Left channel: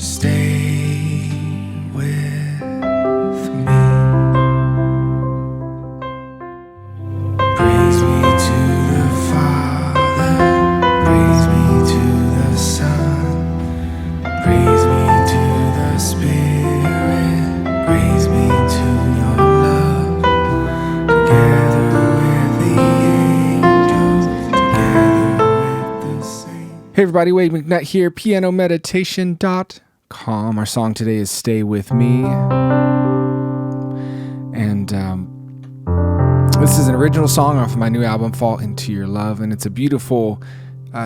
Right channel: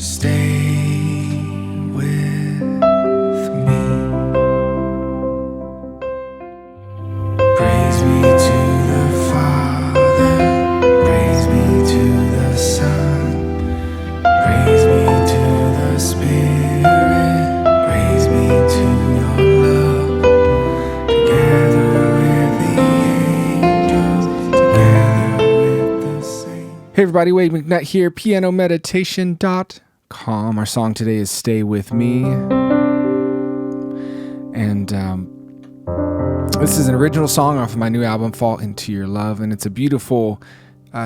Stay with me. Praise be to the Father, praise be to the Son, praise be to the Spirit, praise be to your love, together with the angels, together with the saints. Hey everybody, Wade McNutt here, pianomeditation.com. Our song today is Stay With Me. And this is an original song off of my new album, Fall Into Your Love. And it's a beautiful,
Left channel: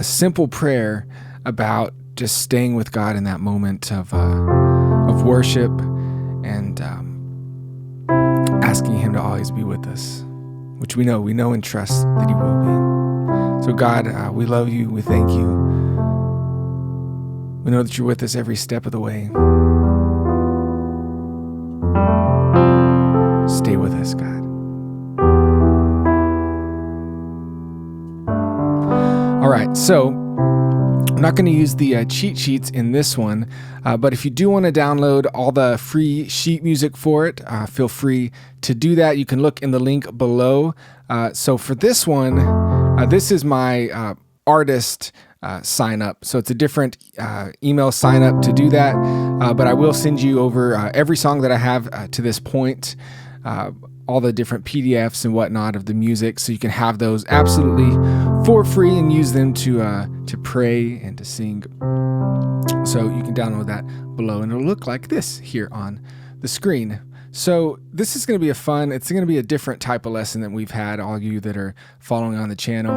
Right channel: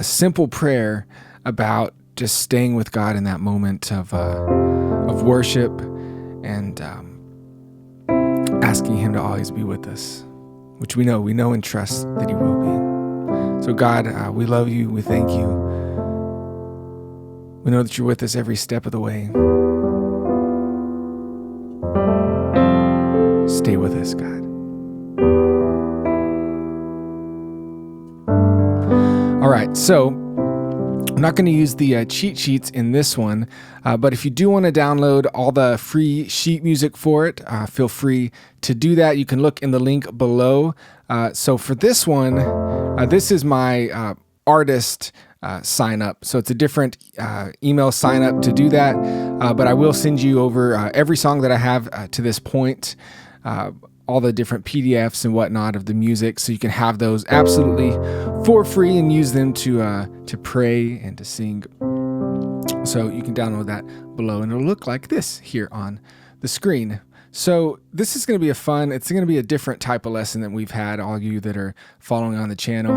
simple prayer about just staying with God in that moment of worship and asking Him to always be with us, which we know and trust that He will be. So God, we love you. We thank you. We know that you're with us every step of the way. Stay with us, God. All right, so I'm not going to use the cheat sheets in this one, but if you do want to download all the free sheet music for it, feel free to do that. You can look in the link below. So for this one, this is my artist sign up. So it's a different email sign up to do that. But I will send you over every song that I have to this point, all the different PDFs and whatnot of the music. So you can have those absolutely for free and use them to pray and to sing. So you can download that below and it'll look like this here on the screen. So this is going to be it's going to be a different type of lesson than we've had, all you that are following on the channel.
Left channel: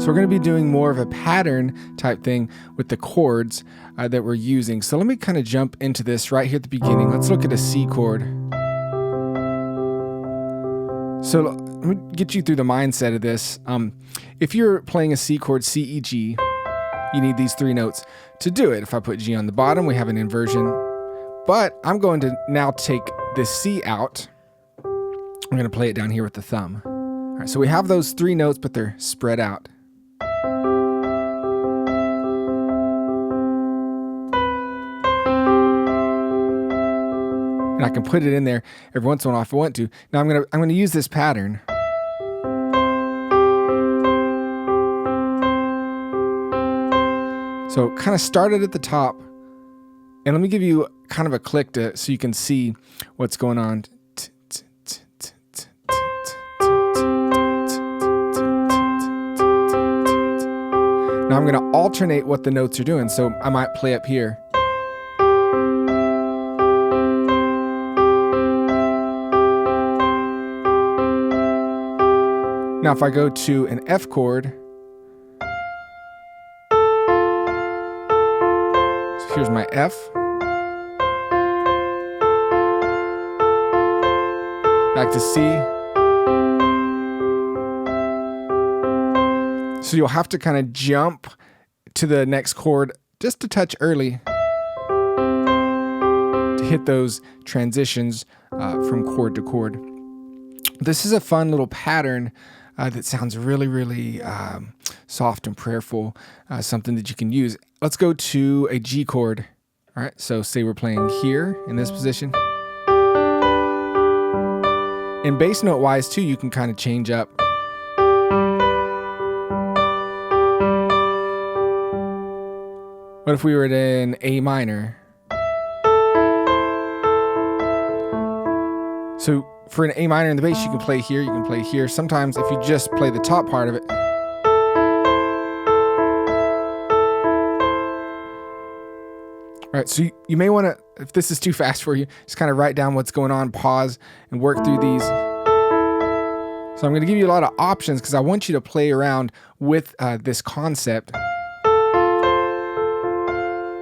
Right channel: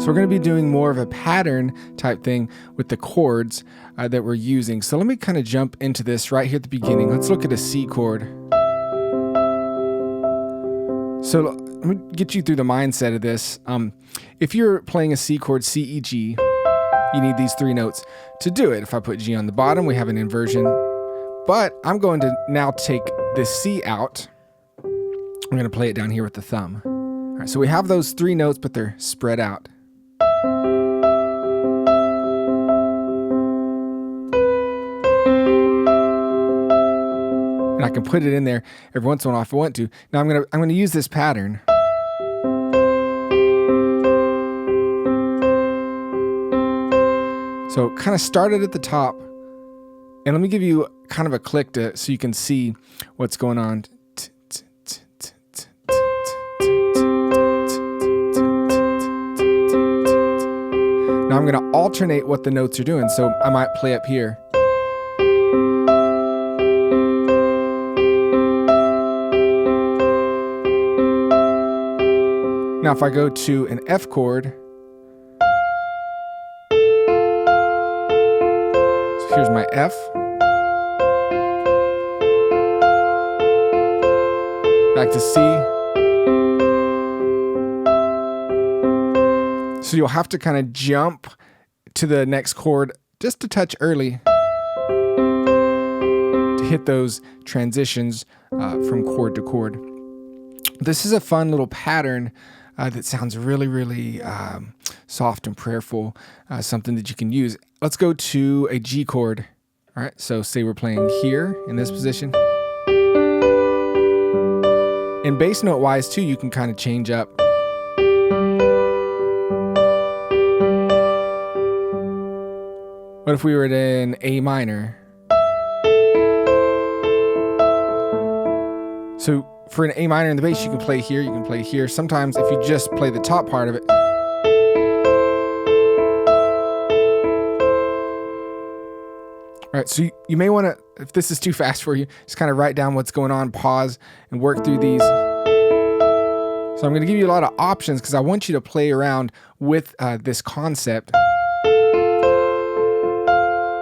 So we're going to be doing more of a pattern type thing with the chords that we're using. So let me kind of jump into this right here at the beginning. Let's look at a C chord. So let me get you through the mindset of this. If you're playing a C chord, C, E, G, you need these three notes to do it. If I put G on the bottom, we have an inversion. But I'm going to now take this C out. I'm going to play it down here with the thumb. All right, so we have those three notes, but they're spread out. And I can put it in there every once in a while if I want to. Now I'm gonna use this pattern. So kind of start it at the top, and let me give you kind of a click so you can see what's going on. Now I'm gonna alternate what the notes are doing. So I might play up here. Now, if I go to an F chord, so here's my F. Back to C. So you'll have to kind of jump to the next chord just a touch early to hit those transitions from chord to chord. This is a fun little pattern that sounds really, really soft and prayerful, something that you can use. Let's go to a G chord. All right, so say we're playing here in this position. And bass note wise too, you can kind of change up. What if we were at an A minor? So for an A minor in the bass, you can play here, you can play here. Sometimes if you just play the top part of it. All right, so you may want to, if this is too fast for you, just kind of write down what's going on, pause, and work through these. So I'm going to give you a lot of options because I want you to play around with this concept.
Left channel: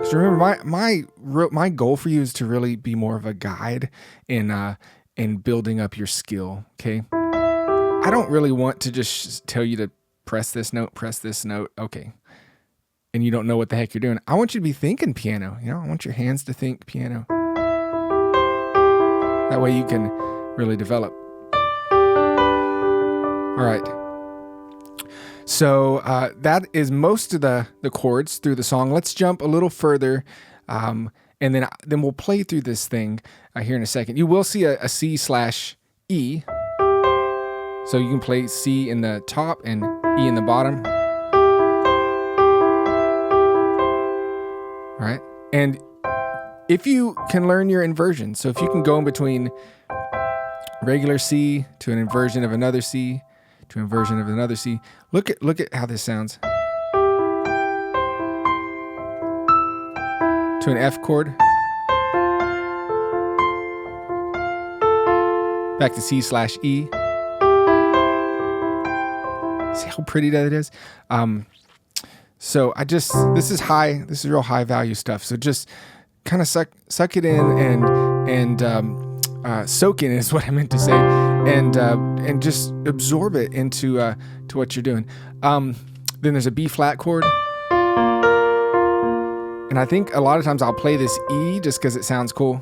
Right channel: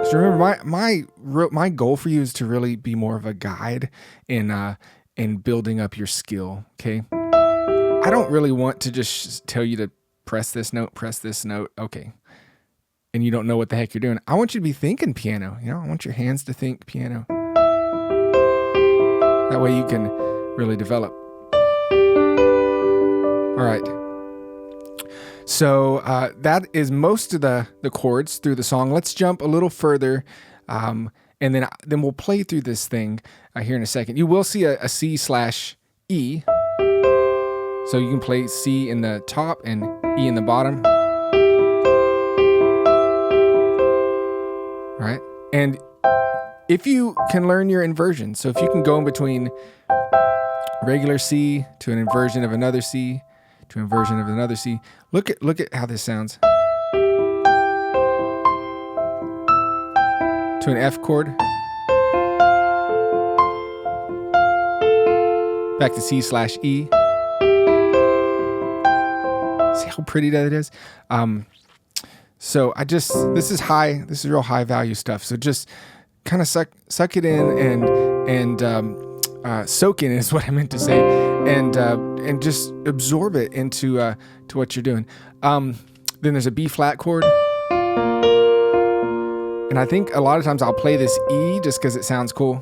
So remember, my goal for you is to really be more of a guide in building up your skill, okay? I don't really want to just tell you to press this note, okay. And you don't know what the heck you're doing. I want you to be thinking piano, I want your hands to think piano. That way you can really develop. All right, So that is most of the chords through the song. Let's jump a little further, and then we'll play through this thing here in a second. You will see a C/E. So you can play C in the top and E in the bottom. All right. And if you can learn your inversion, so if you can go in between regular C to an inversion of another C to an inversion of another C, look at how this sounds. To an F chord. Back to C/E. See how pretty that is? So this is real high value stuff. So just kind of suck it in and soak in is what I meant to say, and just absorb it into to what you're doing. Then there's a B flat chord, and I think a lot of times I'll play this E just because it sounds cool.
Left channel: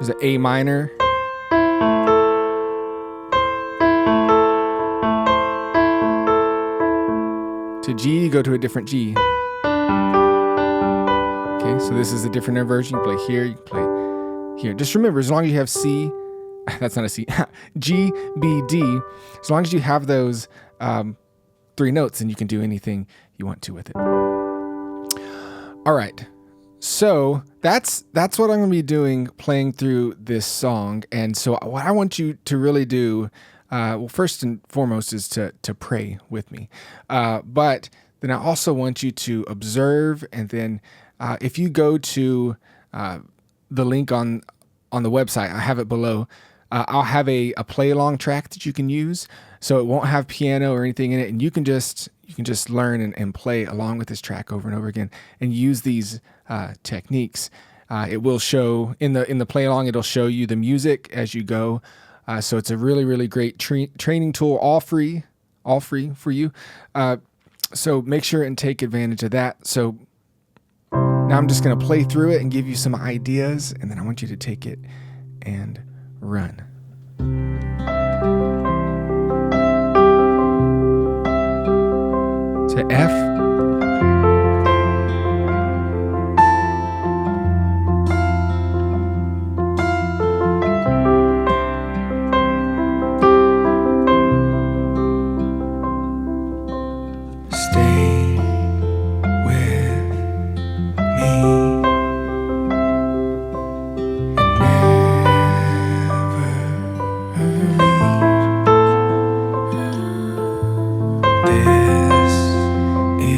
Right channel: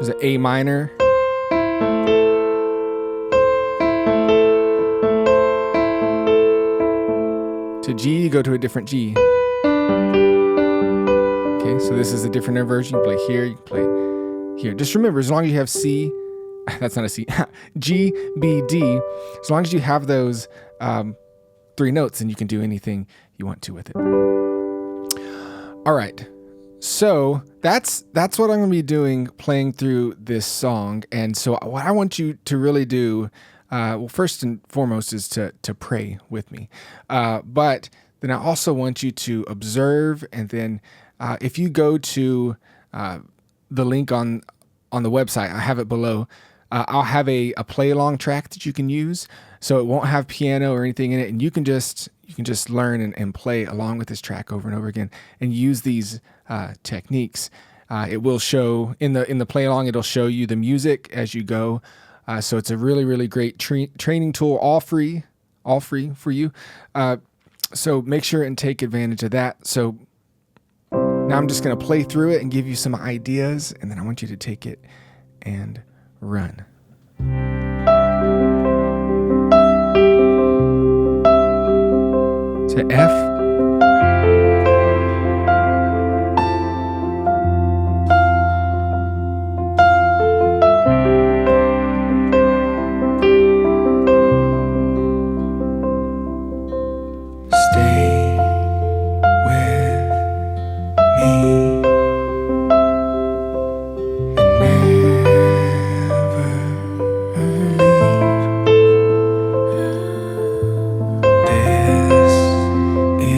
There's an A minor. To G, you go to a different G. Okay, so this is a different inversion. You can play here, you can play here. Just remember, as long as you have C, that's not a C, G, B, D, as long as you have those 3 notes, then you can do anything you want to with it. All right. So that's what I'm going to be doing, playing through this song. And so what I want you to really do, well, first and foremost, is to pray with me. But then I also want you to observe. And then if you go to the link on the website, I have it below. I'll have a play along track that you can use. So it won't have piano or anything in it. And you can just learn and play along with this track over and over again and use these techniques. It will show in the play along, it'll show you the music as you go. So it's a really, really great training tool, all free for you. So make sure and take advantage of that. So now I'm just going to play through it and give you some ideas, and then I want you to take it and run. To F. This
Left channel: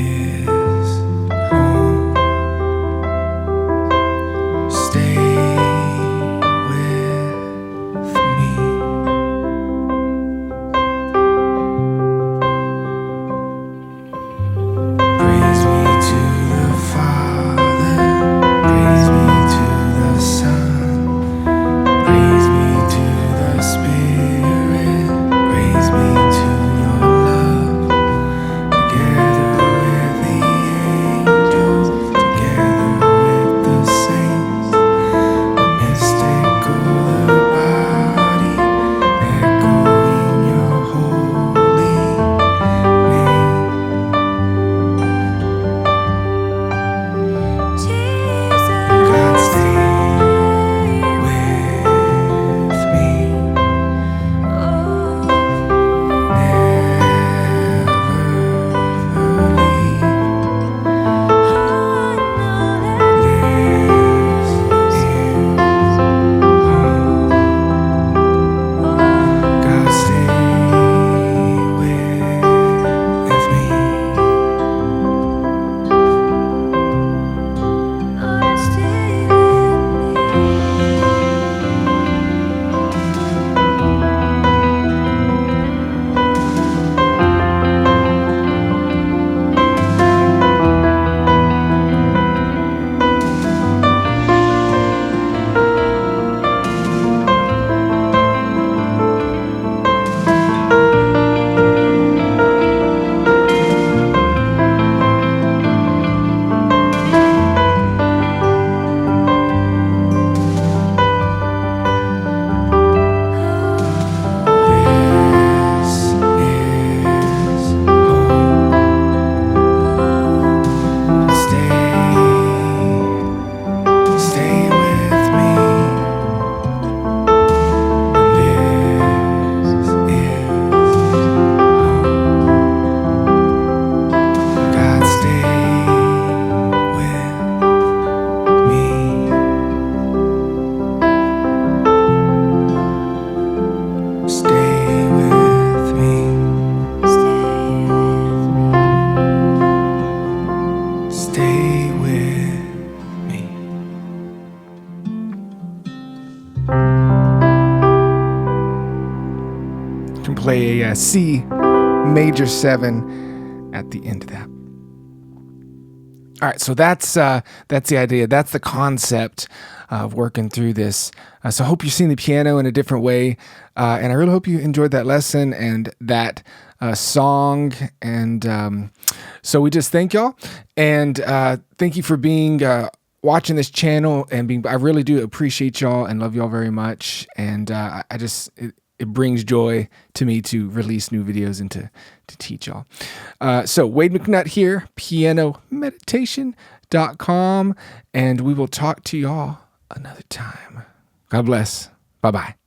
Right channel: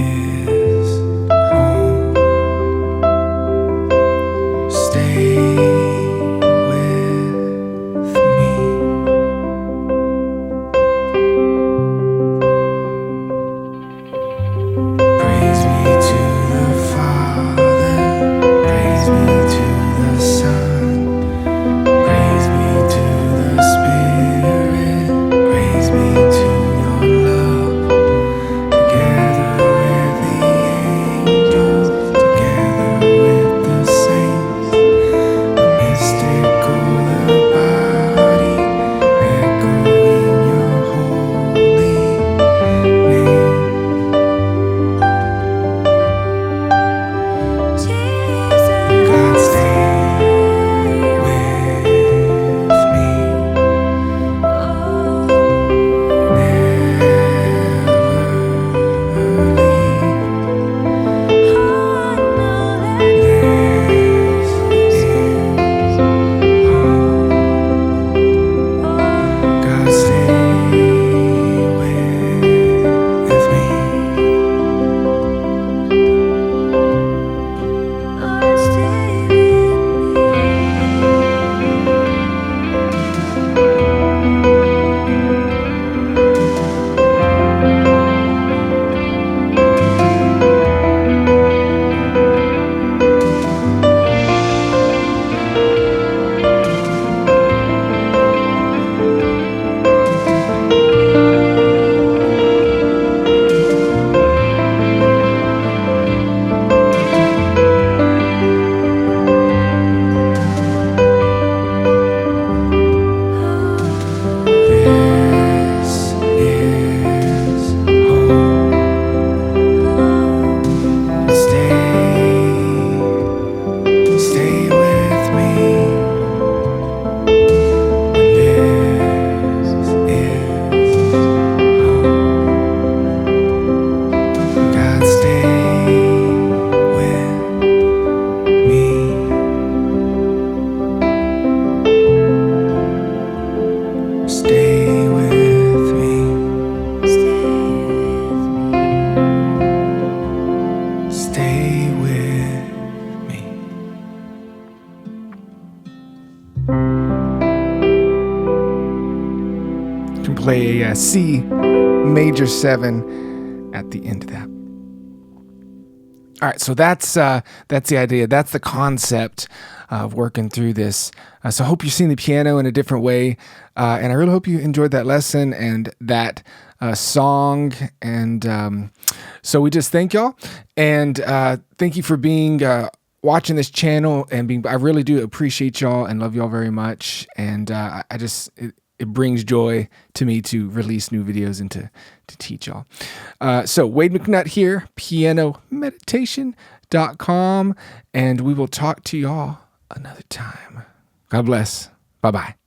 play a C major 7 at the end of that. All right, so that's the idea. That's the concept of working through this. So I hope you're seeing the piano in a different way, and I really hope you enjoyed that lesson and that song. And so we just thank y'all, and thank you for being watching this channel and being. I really do appreciate y'all and love y'all very much. And it brings joy to me to release new videos and to teach y'all. So Wade McNutt here, pianomeditation.com, and we will talk to y'all another time. God bless. Bye-bye.